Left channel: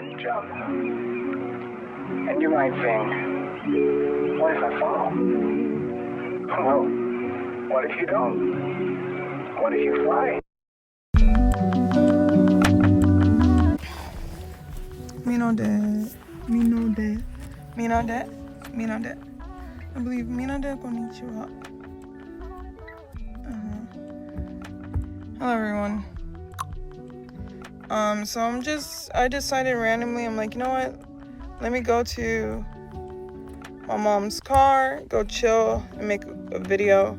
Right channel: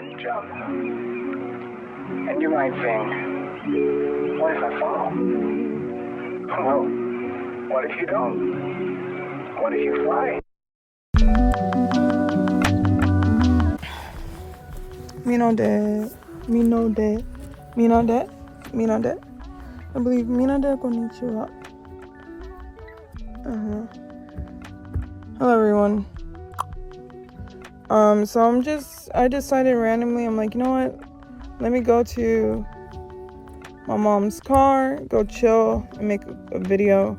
and jump. And you might think, what if I fall? Well, what if you don't? What if you fly? Me no dead. Me no dead. Me no dead. Me no dead. I believe me no dead konnichiwa. Hello everyone. So I decided randomly, I'm like, you know what? Let me go to my mom's car, go chill and make a video.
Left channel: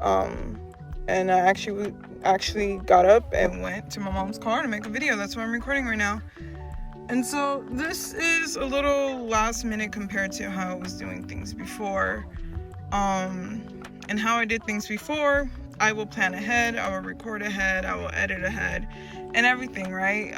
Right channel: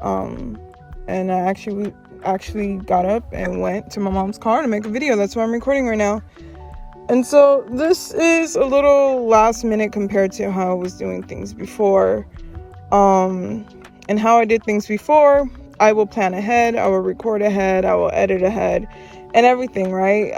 And I actually got up and went to my mom's car to make a video. That's why I'm recording right now. And so this is a little last minute compared to how I was doing things before. And how I did things before, I will plan ahead, I will record ahead, I will edit ahead, and everything, right?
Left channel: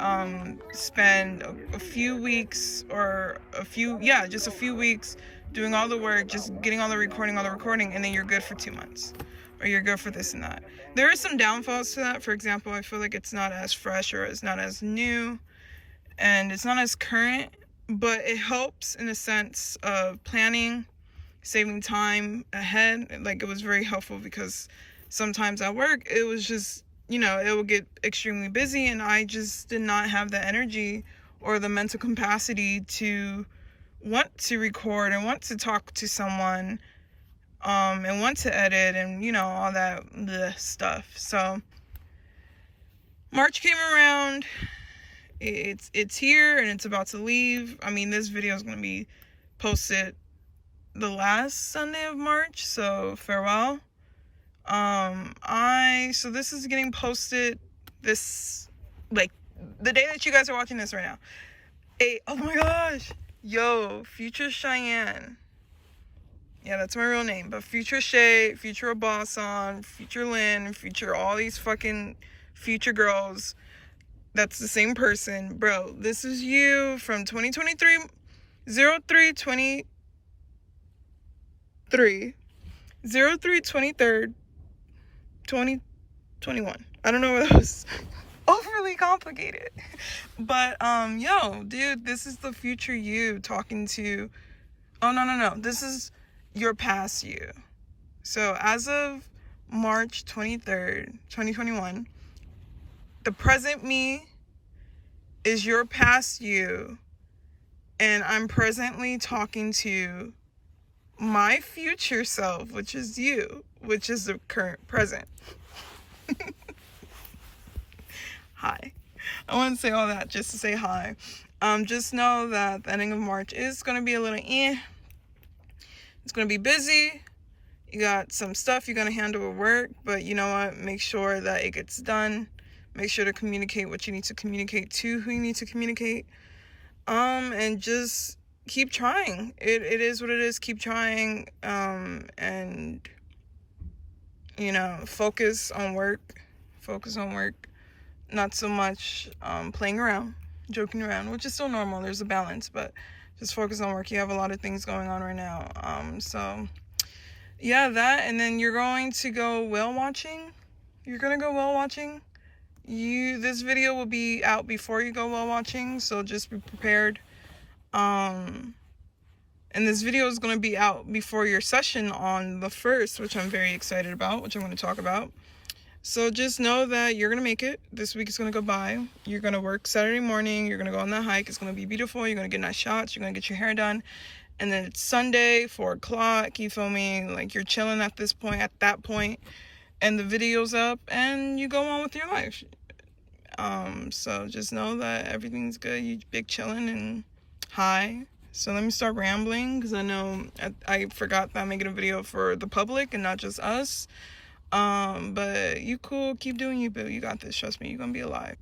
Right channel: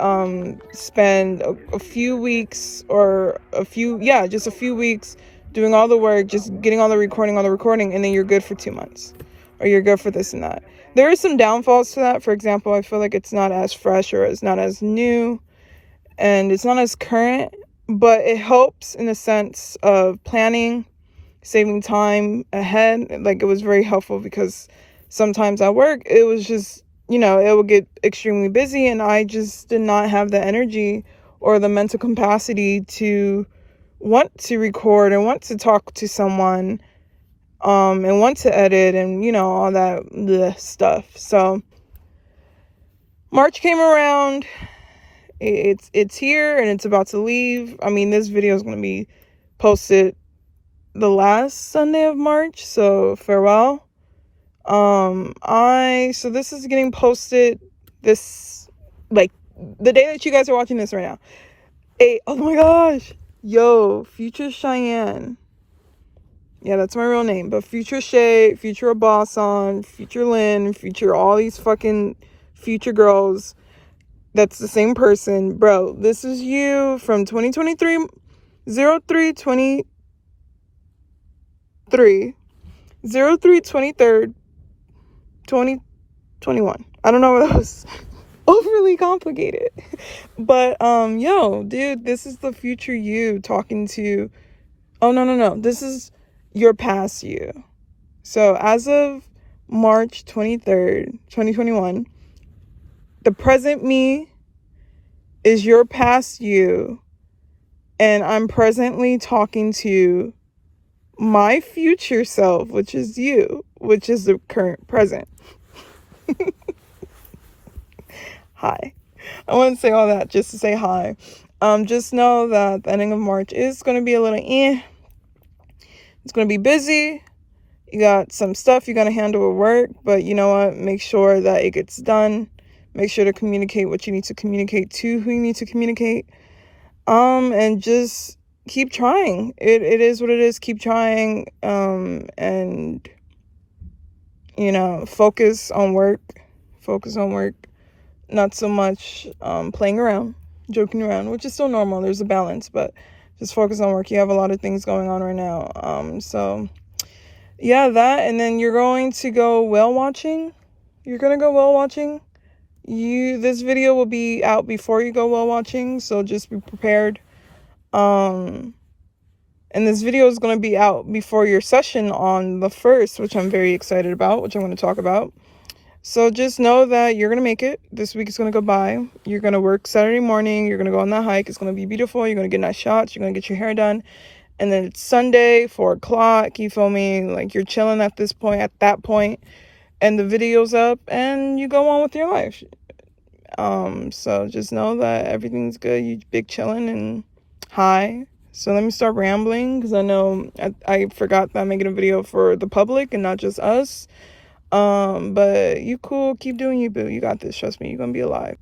Spend a few weeks just a few weeks doing all the work, just getting all the recording, and then you're good for 2 months. Or you're good for this and that. There are some downfalls to that. For example, I feel like it's not as fresh or it's not as new and it's not as current, but it helps in the sense of planning, saving time ahead. Like, it was very helpful because sometimes at work, it was just, it would get extremely busy and I just did not have the energy or the mental capacity to want to record and want to talk to someone, and want to edit and, all that stuff. So March came around. It's here and it's about to leave. I mean, this video is going to be posted the last Sunday of March, so farewell. So this is getting posted this, like, the day that you guys are watching this right now. Oh my gosh, future Cheyenne. Yeah, that's my real name. But future Shey, future Abasan, future Lynn, future all these fucking future girls. That's the same person. Bro, this is you from 2023, 03/23, 03/23, 2021. I don't know what that was. Overly complicated. But, dude, this is the future you talking to. Oh, no. This is your past you. So as of March 23rd, 2021, the present me is your past you, and I'm presently talking to my future self, which is you, which is the current present. Hi. I want to say all that just to say hi. Just know that the ending of March is going to be a little It's going to be busy. You got some stuff you got to handle at work, but you know what? Make sure that it gets done. Make sure to communicate what you need to communicate to who you need to communicate. And just keep trying. It is what it is. Keep trying. And, focus on work. Not so much playing around, joking around, which is still normal. There's a balance, but just focus on work. You have a lot of things going on right now. So yeah, that, and then you're going to go whale watching. This video will be out before you go whale watching, so just be prepared. And this video is going to be out before your session on the 1st, which I'm very excited about, which I'm going to talk about. So just know that you're going to make it. This week is going to go by. You're going to work Saturday morning. You're going to go on that hike. It's going to be beautiful. You're going to get nice shots. You're going to get your hair done. And then it's Sunday, 4 o'clock. You feel me? Like, you're chilling at that point. And the video's up. And you go on with your life. So just know that everything's good. You big chilling and high. So let me start rambling. Because I know I forgot that I'm making a video for the public and not just us. But you cool, keep doing you, boo. You got this, trust me, you're gonna be alive.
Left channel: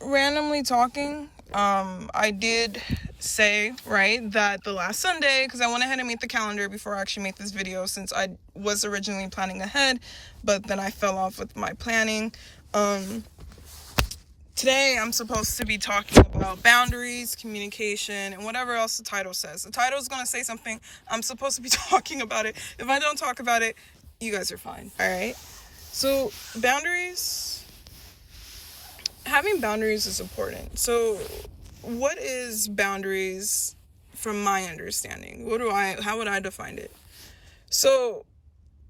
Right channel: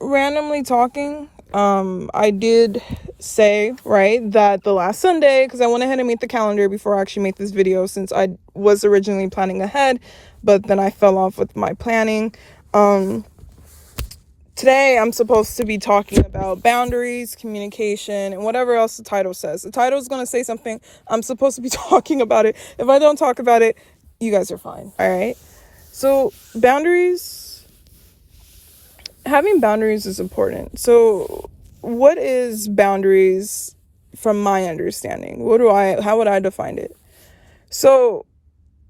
Randomly talking, I did say, right, that the last Sunday, because I went ahead and made the calendar before I actually made this video, since I was originally planning ahead, but then I fell off with my planning. Today I'm supposed to be talking about boundaries, communication, and whatever else the title says. The title is going to say something. I'm supposed to be talking about it. If I don't talk about it, you guys are fine. All right. So boundaries having boundaries is important. So what is boundaries from my understanding? How would I define it? So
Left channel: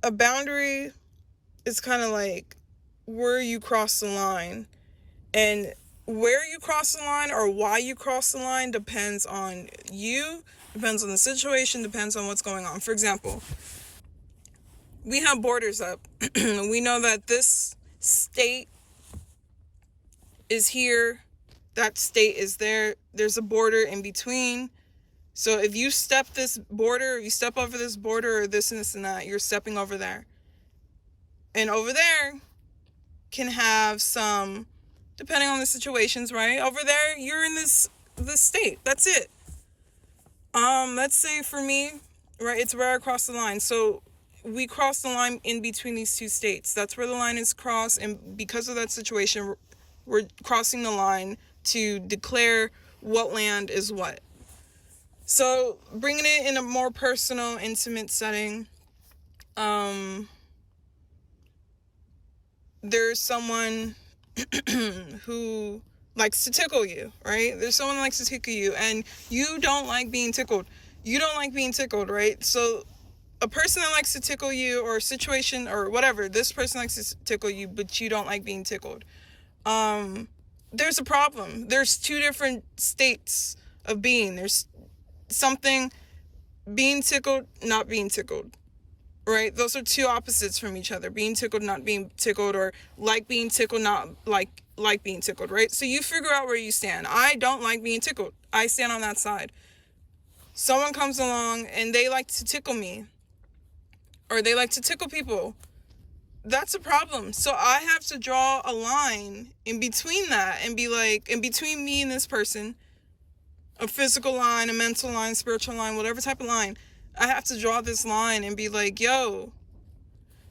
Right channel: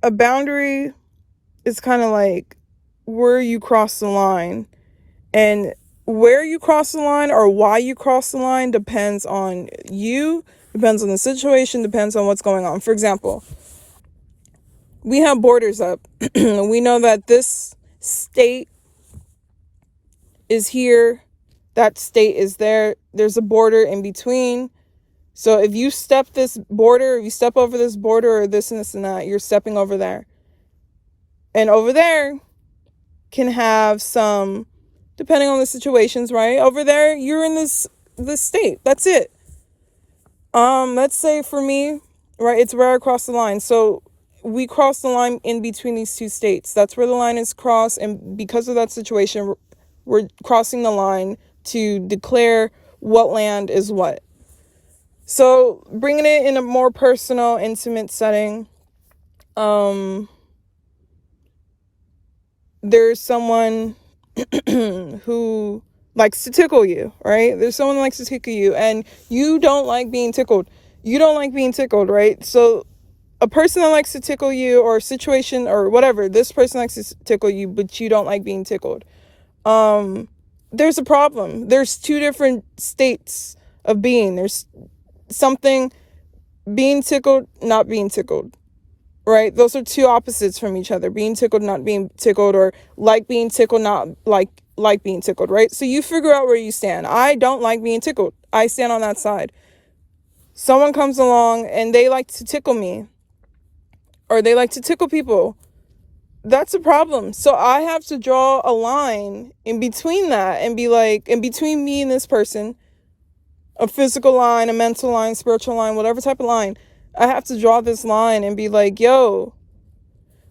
a boundary is kind of like where you cross the line, and where you cross the line or why you cross the line depends on you, depends on the situation, depends on what's going on. For example, we have borders up. We know that this state is here, that state is there. There's a border in between. So if you step this border, if you step over this border or this and this and that, you're stepping over there. And over there can have some, depending on the situations, right? Over there, you're in this state. That's it. Let's say for me, right, it's where I cross the line. So we cross the line in between these two states. That's where the line is crossed. And because of that situation, we're crossing the line to declare what land is what. So bringing it in a more personal, intimate setting, there's someone who likes to tickle you, right? There's someone who likes to tickle you, and you don't like being tickled. You don't like being tickled, right? So a person that likes to tickle you, or a situation or whatever, this person likes to tickle you, but you don't like being tickled. There's a problem. There's two different states of being. There's something being tickled, not being tickled, right? Those are two opposites from each other. Being tickled, not being tickled, or like being tickled, not like being tickled, right? So you figure out where you stand. I don't like being tickled. I stand on that side. Someone comes along and they like to tickle me, or they like to tickle people. That's a problem. So I have to draw a line in between that and be like, in between me and this person, a physical line, a mental line, spiritual line, whatever type of line. I have to draw this line and be like, yo,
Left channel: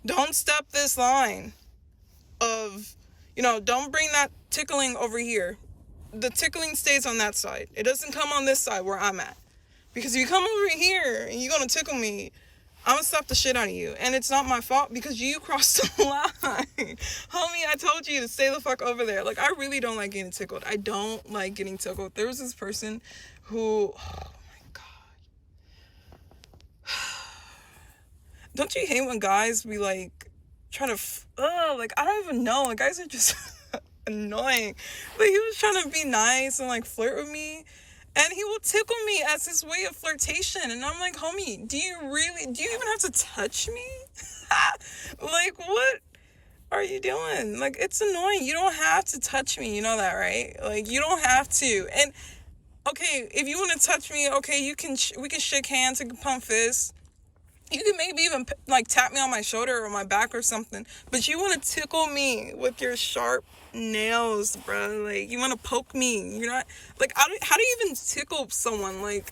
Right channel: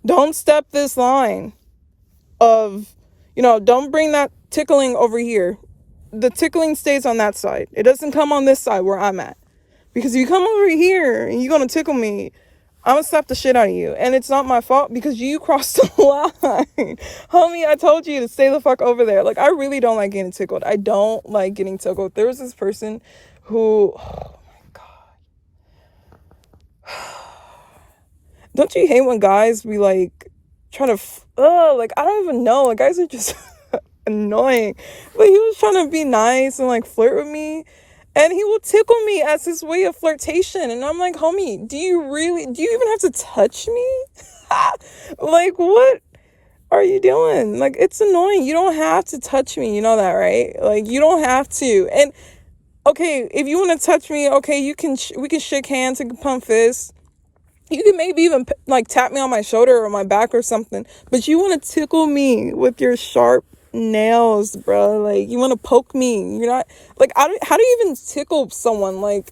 don't step this line of, don't bring that tickling over here. The tickling stays on that side. It doesn't come on this side where I'm at. Because if you come over here and you're going to tickle me, I'm going to slap the shit out of you. And it's not my fault because you crossed the line. Homie, I told you to stay the fuck over there. Like, I really don't like getting tickled. I don't like getting tickled. There was this person who, oh my God. Don't you hate when guys be like, trying to, like, I don't even know. Like, guys are just annoying. But he was trying to be nice and like flirt with me. And he will tickle me as his way of flirtation. And I'm like, homie, do you even have to touch me? Like, what are you doing? Like, it's annoying. You don't have to touch me. You know that, right? Like, you don't have to. And, okay, if you want to touch me, okay, we can shake hands and pump fists. You can maybe even, like, tap me on my shoulder or my back or something. But you want to tickle me with your sharp nails, bro. Like, you want to poke me. You're not, like, how do you even tickle someone? Like,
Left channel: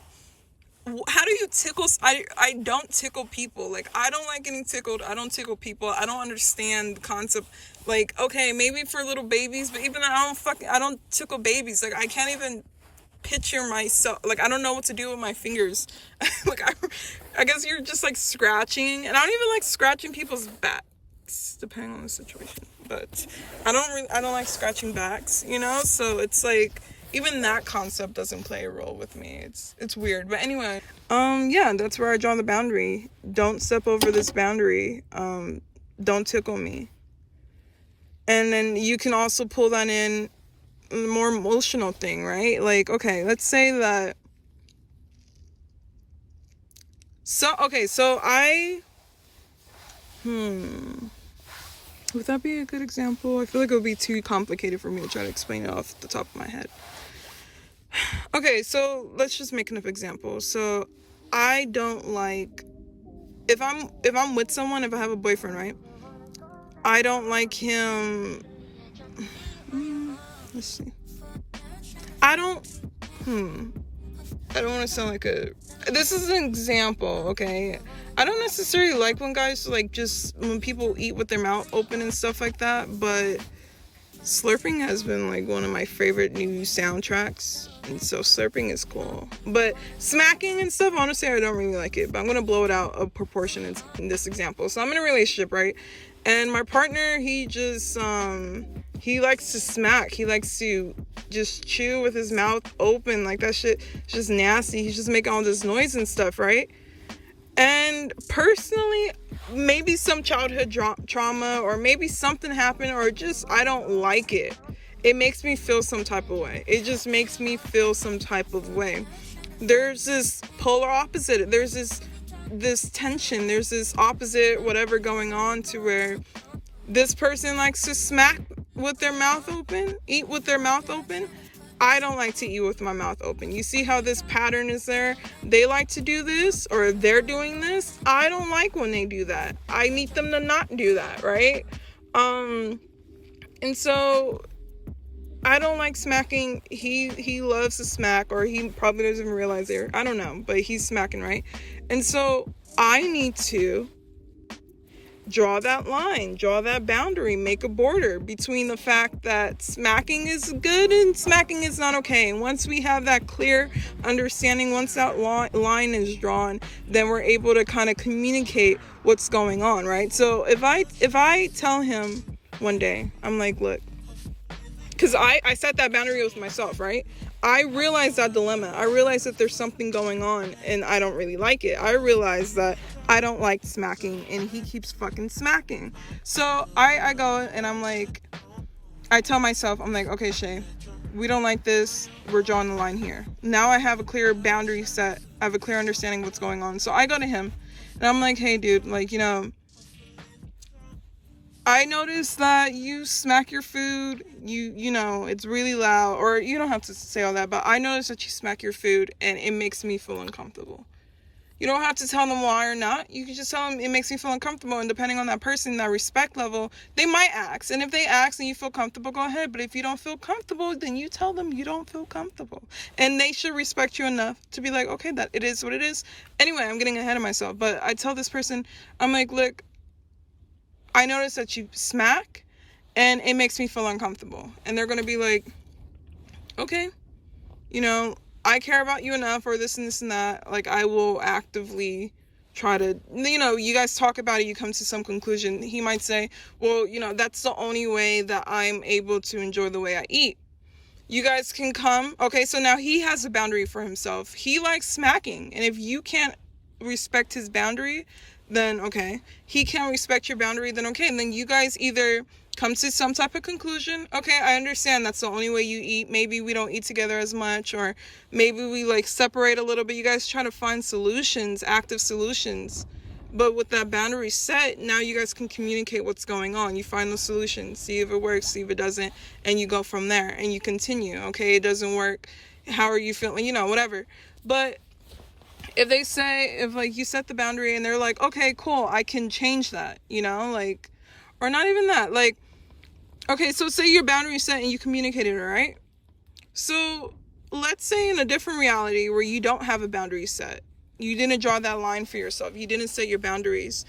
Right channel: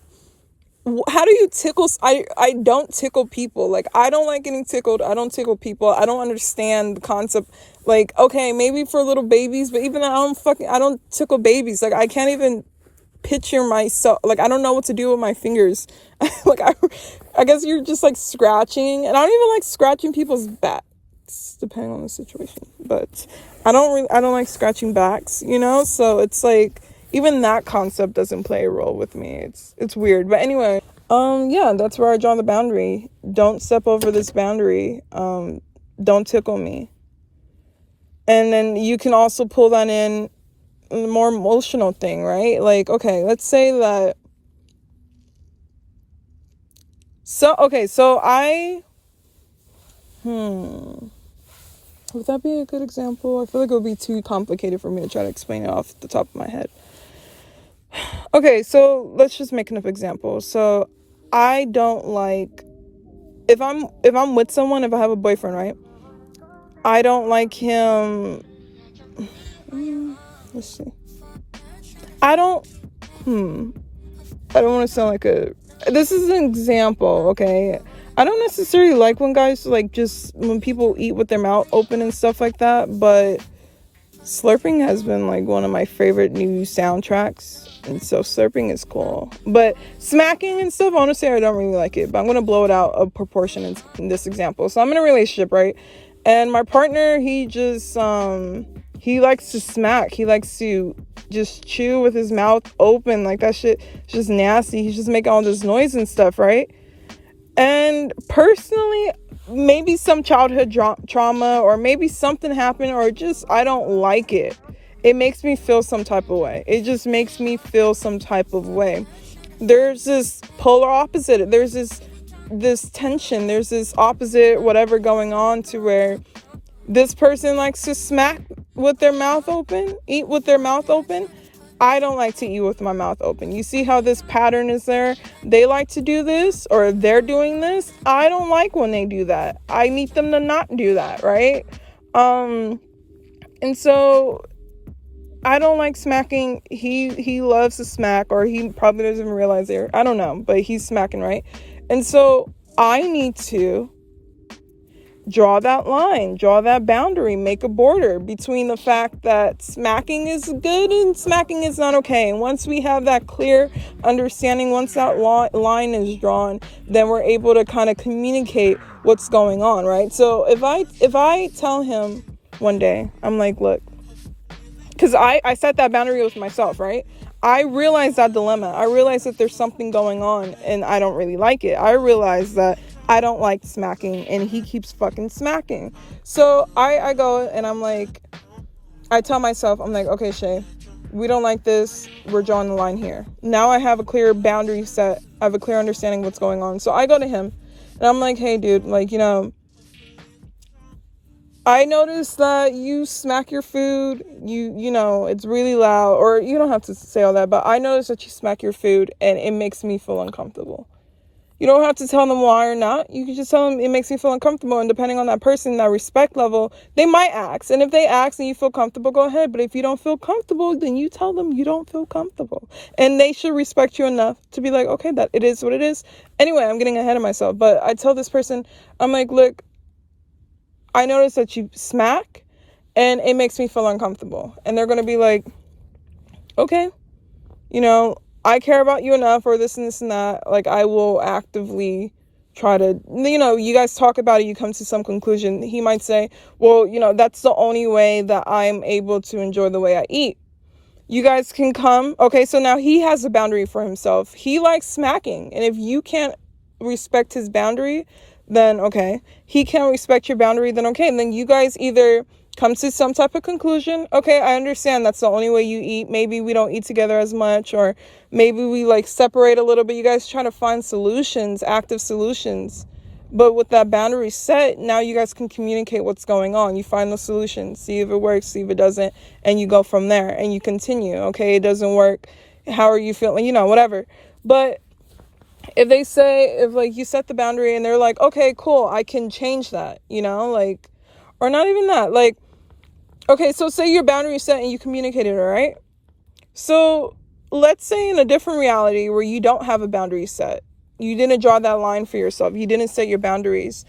how do you tickle? I don't tickle people. Like, I don't like getting tickled. I don't tickle people. I don't understand the concept. Like, okay, maybe for little babies, but even I don't tickle babies. Like, I can't even picture myself. Like, I don't know what to do with my fingers. Like, I guess you're just like scratching, and I don't even like scratching people's backs, depending on the situation. But I don't like scratching backs, so it's like, even that concept doesn't play a role with me. It's weird. But anyway, yeah, that's where I draw the boundary. Don't step over this boundary. Don't tickle me. And then you can also pull that in a more emotional thing, right? Like, okay, let's say that. So I, would that be a good example? I feel like it would be too complicated for me to try to explain it off the top of my head. Okay, so let's just make an example. So I don't like, if I'm with someone, if I have a boyfriend, right? I don't like him. Let's see. I don't want to sound like this is an example, okay? I don't necessarily like when guys, like, just when people eat with their mouth open and stuff like that, but slurping has been, like, one of my favorite new soundtracks, and so slurping is cool. But smacking and stuff, honestly, I don't really like it, but I'm going to blow it out of proportion in this example. So I'm in a relationship, right? And my partner, he just, he likes to smack. He likes to just chew with his mouth open. Like, that shit is just nasty. He's just making all this noise and stuff, right? And personally, maybe some childhood trauma, or maybe something happened, or just I don't like it. It makes me feel some type of way. It just makes me feel some type of way. There's this polar opposite. There's this tension. There's this opposite whatever going on, to where this person likes to smack with their mouth open, eat with their mouth open. I don't like to eat with my mouth open. You see how this pattern is there? They like to do this, or they're doing this. I don't like when they do that. I need them to not do that, right? And so I don't like smacking. He loves to smack, or he probably doesn't even realize it. I don't know, but he's smacking, right? And so I need to draw that line, draw that boundary, make a border between the fact that smacking is good and smacking is not okay. And once we have that clear understanding, once that line is drawn, then we're able to kind of communicate what's going on, right? So if I tell him one day, I'm like, look, because I set that boundary with myself, right? I realize that dilemma. I realize that there's something going on and I don't really like it. I realize that I don't like smacking and he keeps fucking smacking. So I go and I'm like, I tell myself, I'm like, okay, Shey, we don't like this. We're drawing the line here. Now I have a clear boundary set. I have a clear understanding of what's going on. So I go to him and I'm like, hey, dude, like, I noticed that you smack your food, you know, it's really loud, or you don't have to say all that, but I noticed that you smack your food and it makes me feel uncomfortable. You don't have to tell them why or not. You can just tell them it makes me feel uncomfortable, and depending on that person, that respect level, they might ask. And if they ask and you feel comfortable, go ahead. But if you don't feel comfortable, then you tell them you don't feel comfortable. And they should respect you enough to be like, okay, that it is what it is. Anyway, I'm getting ahead of myself, but I tell this person, I'm like, look, I noticed that you smack and it makes me feel uncomfortable. And they're going to be like, okay, I care about you enough, or this and this and that. Like, I will actively try to, you guys talk about it, you come to some conclusion. He might say, well, that's the only way that I'm able to enjoy the way I eat. You guys can come. Okay, so now he has a boundary for himself. He likes smacking. And if you can't respect his boundary, then okay. He can't respect your boundary, then okay. And then you guys either come to some type of conclusion. Okay, I understand that's the only way you eat. Maybe we don't eat together as much, or maybe we like separate a little bit. You guys try to find solutions, active solutions. But with that boundary set, now you guys can communicate what's going on. You find the solution, see if it works, see if it doesn't, and you go from there and you continue. Okay, it doesn't work. How are you feeling? Whatever. But if like you set the boundary and they're like, okay, cool, I can change that, like, or not even that, like, okay, so say your boundary is set and you communicated it, right? So let's say in a different reality where you don't have a boundary set, you didn't draw that line for yourself, you didn't set your boundaries,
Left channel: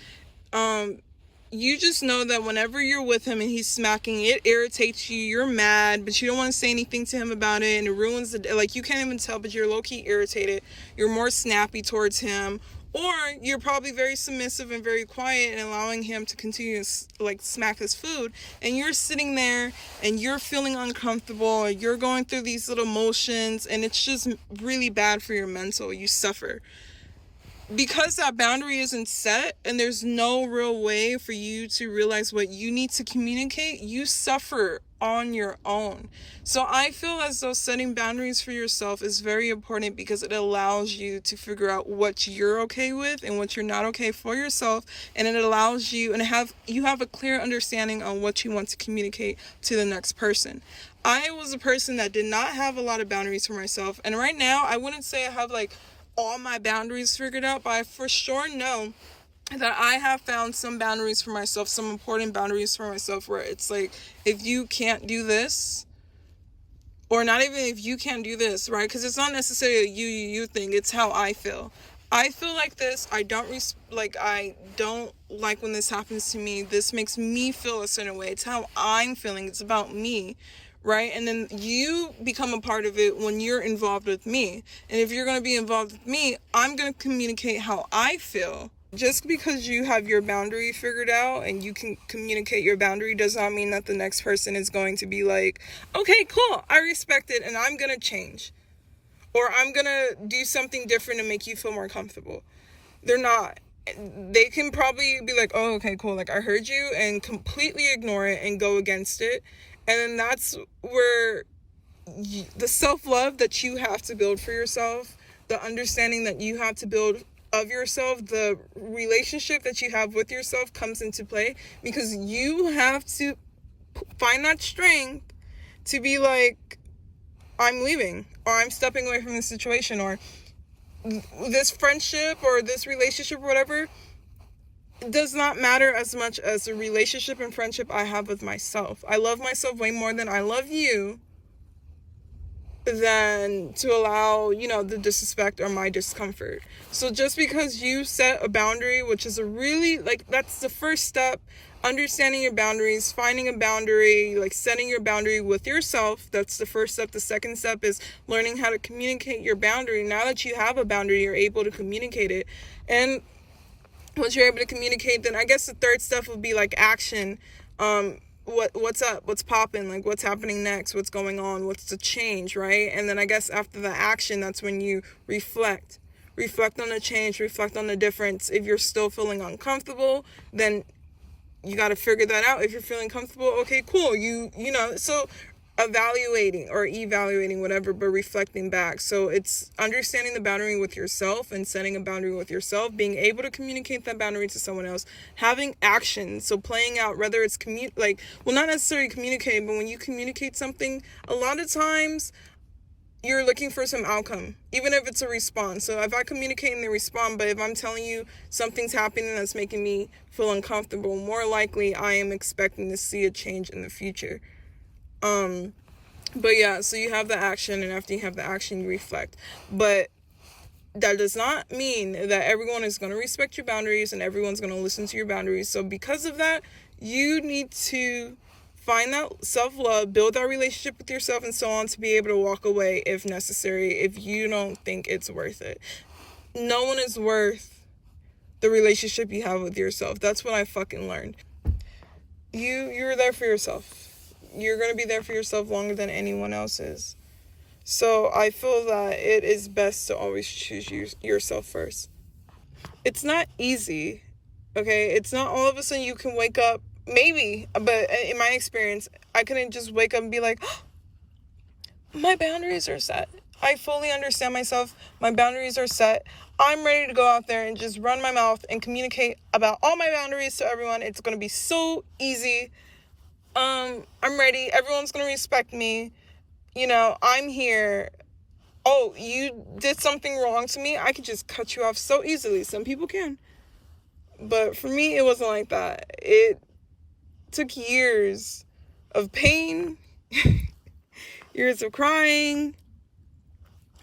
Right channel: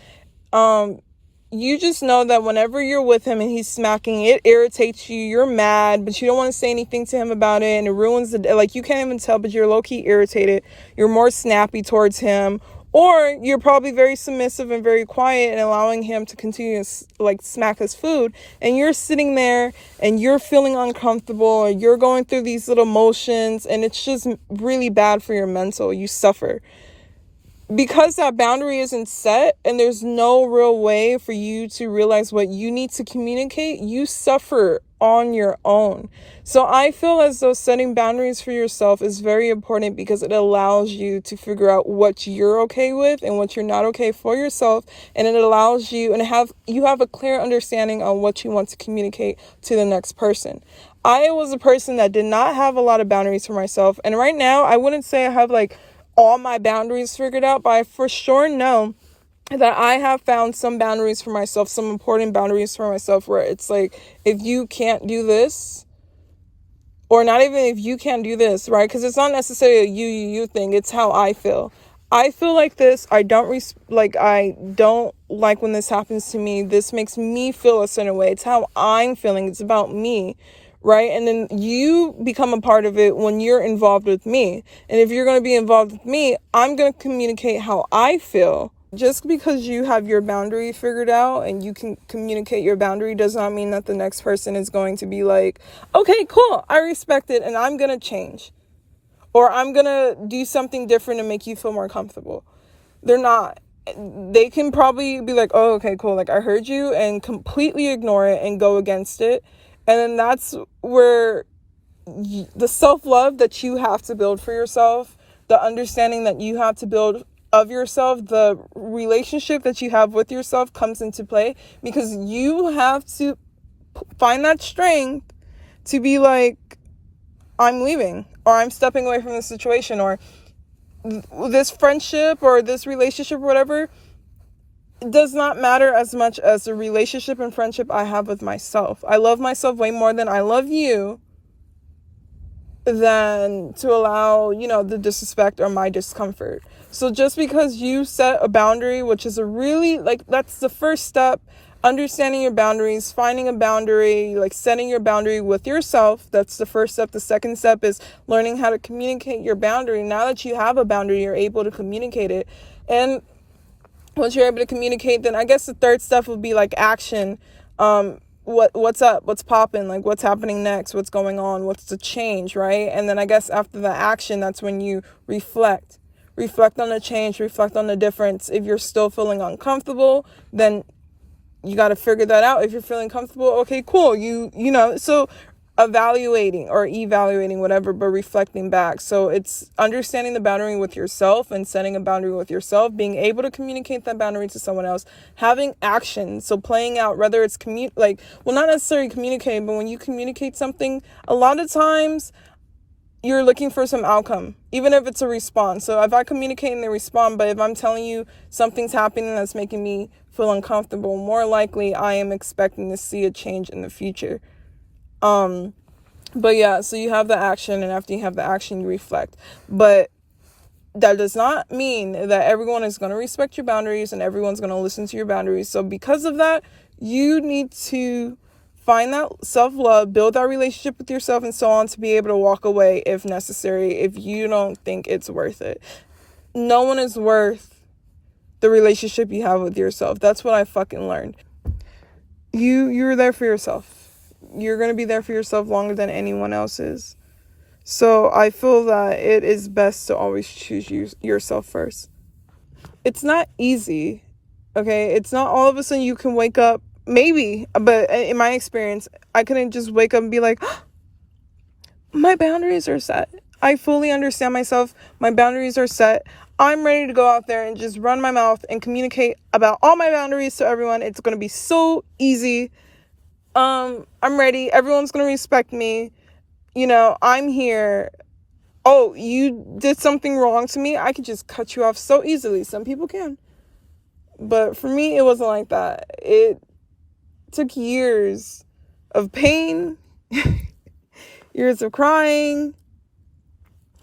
you just know that whenever you're with him and he's smacking, it irritates you, you're mad, but you don't want to say anything to him about it, and it ruins the day. Like, you can't even tell, but you're low-key irritated, you're more snappy towards him, or you're probably very submissive and very quiet and allowing him to continue to like smack his food, and you're sitting there and you're feeling uncomfortable, or you're going through these little motions, and it's just really bad for your mental. You suffer because that boundary isn't set and there's no real way for you to realize what you need to communicate. You suffer on your own. So I feel as though setting boundaries for yourself is very important, because it allows you to figure out what you're okay with and what you're not okay for yourself, and it allows you you have a clear understanding on what you want to communicate to the next person. I was a person that did not have a lot of boundaries for myself, and right now I wouldn't say I have like all my boundaries figured out, but I for sure know that I have found some boundaries for myself, some important boundaries for myself, where it's like, if you can't do this, or not even if you can't do this, right? Because it's not necessarily a you thing. It's how I feel. I feel like this. I don't like when this happens to me. This makes me feel a certain way. It's how I'm feeling. It's about me. Right? And then you become a part of it when you're involved with me. And if you're going to be involved with me, I'm going to communicate how I feel just because you have your boundary figured out and you can communicate your boundary does not mean that the next person is going to be like, okay, cool, I respect it and I'm going to change. Or I'm going to do something different to make you feel more comfortable. They're not. They can probably be like, oh, okay, cool. Like, I heard you, and completely ignore it and go against it. And then that's where the self-love that you have to build for yourself, the understanding that you have to build of yourself, the relationship that you have with yourself comes into play, because you have to find that strength to be like, I'm leaving, or I'm stepping away from this situation, or this friendship or this relationship or whatever. It does not matter as much as the relationship and friendship I have with myself. I love myself way more than I love you, than to allow, the disrespect or my discomfort. So just because you set a boundary, which is that's the first step, understanding your boundaries, finding a boundary, like setting your boundary with yourself. That's the first step. The second step is learning how to communicate your boundary. Now that you have a boundary, you're able to communicate it. And once you're able to communicate, then I guess the third step would be like action. What's up? What's popping? Like, what's happening next? What's going on? What's the change, right? And then I guess after the action, that's when you reflect on the change, reflect on the difference. If you're still feeling uncomfortable, then you got to figure that out. If you're feeling comfortable, okay, cool. So evaluating, whatever, but reflecting back. So it's understanding the boundary with yourself and setting a boundary with yourself, being able to communicate that boundary to someone else, having action. So playing out, whether it's not necessarily communicating, but when you communicate something, a lot of times you're looking for some outcome, even if it's a response. So if I communicate and they respond, but if I'm telling you something's happening that's making me feel uncomfortable, more likely I am expecting to see a change in the future. But yeah, so you have the action, and after you have the action, you reflect. But that does not mean that everyone is going to respect your boundaries and everyone's going to listen to your boundaries. So because of that, you need to find that self-love, build that relationship with yourself and so on, to be able to walk away if necessary, if you don't think it's worth it. No one is worth the relationship you have with yourself. That's what I fucking learned. You're there for yourself. You're going to be there for yourself longer than anyone else is. So I feel that it is best to always choose yourself first. It's not easy, okay? It's not all of a sudden you can wake up, maybe, but in my experience, I couldn't just wake up and be like, oh, my boundaries are set. I fully understand myself. My boundaries are set. I'm ready to go out there and just run my mouth and communicate about all my boundaries to everyone. It's going to be so easy. I'm ready. Everyone's going to respect me. I'm here. Oh, you did something wrong to me? I could just cut you off so easily. Some people can. But for me, it wasn't like that. It took years of pain, years of crying,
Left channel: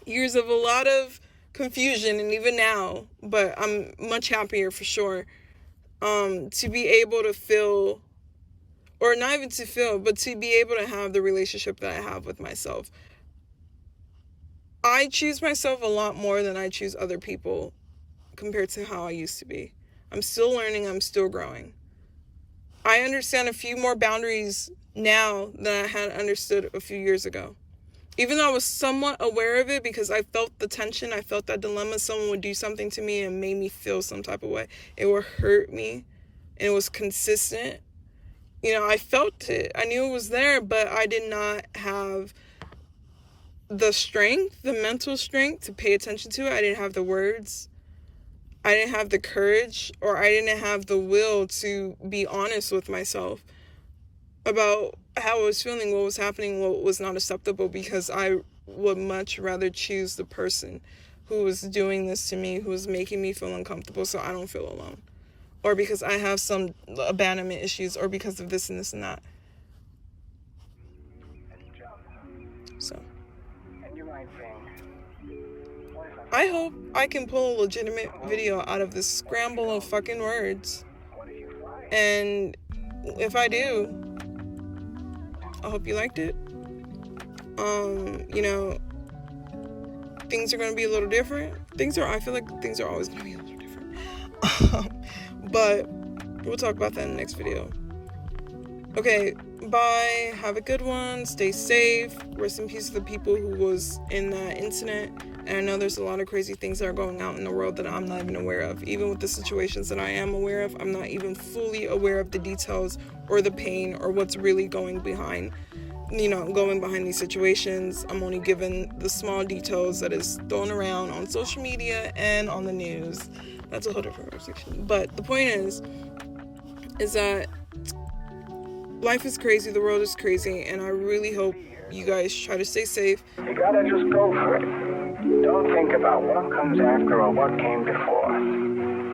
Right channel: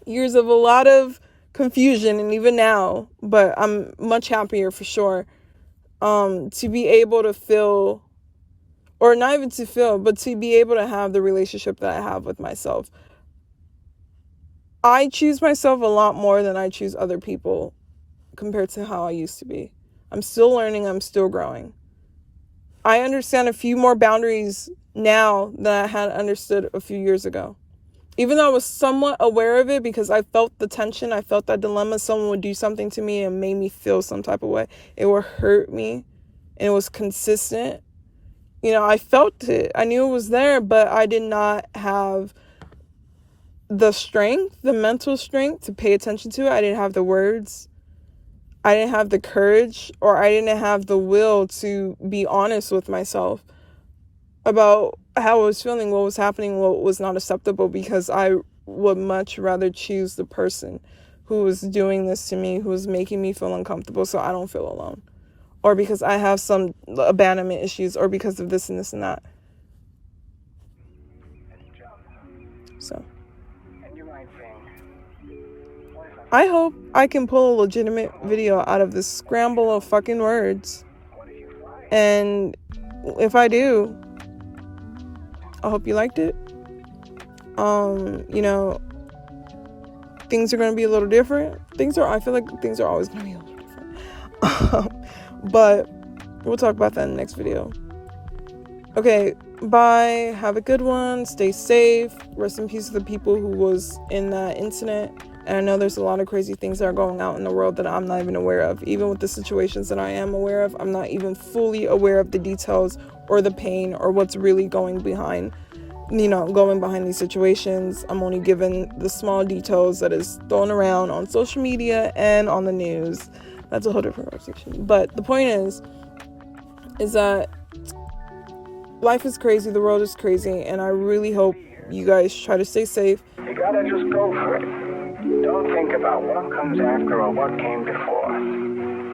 years of a lot of confusion, and even now, but I'm much happier for sure, to be able to feel, or not even to feel, but to be able to have the relationship that I have with myself. I choose myself a lot more than I choose other people compared to how I used to be. I'm still learning. I'm still growing. I understand a few more boundaries now than I had understood a few years ago. Even though I was somewhat aware of it, because I felt the tension, I felt that dilemma. Someone would do something to me and made me feel some type of way. It would hurt me, and it was consistent. I felt it. I knew it was there, but I did not have the strength, the mental strength to pay attention to it. I didn't have the words. I didn't have the courage, or I didn't have the will to be honest with myself about how I was feeling, what was happening, what was not acceptable, because I would much rather choose the person who was doing this to me, who was making me feel uncomfortable so I don't feel alone, or because I have some abandonment issues, or because of this and this and that. So I hope I can pull a legitimate video out of this scramble of fucking words. And if I do, I hope you liked it. Things are going to be a little different. I feel like things are always going to be a little different. But we'll talk about that in the next video. Okay, bye. Have a good one. Stay safe. Rest in peace to the people who was in that incident. And I know there's a lot of crazy things that are going out in the world that I'm not even aware of. Even with the situations that I am aware of, I'm not even fully aware of the details or the pain or what's really going behind these situations. I'm only given the small details that is thrown around on social media and on the news. That's a whole different conversation. But the point is that life is crazy, the world is crazy, and I really hope you guys try to stay safe. You gotta just go for it. Don't think about what comes after or what came before.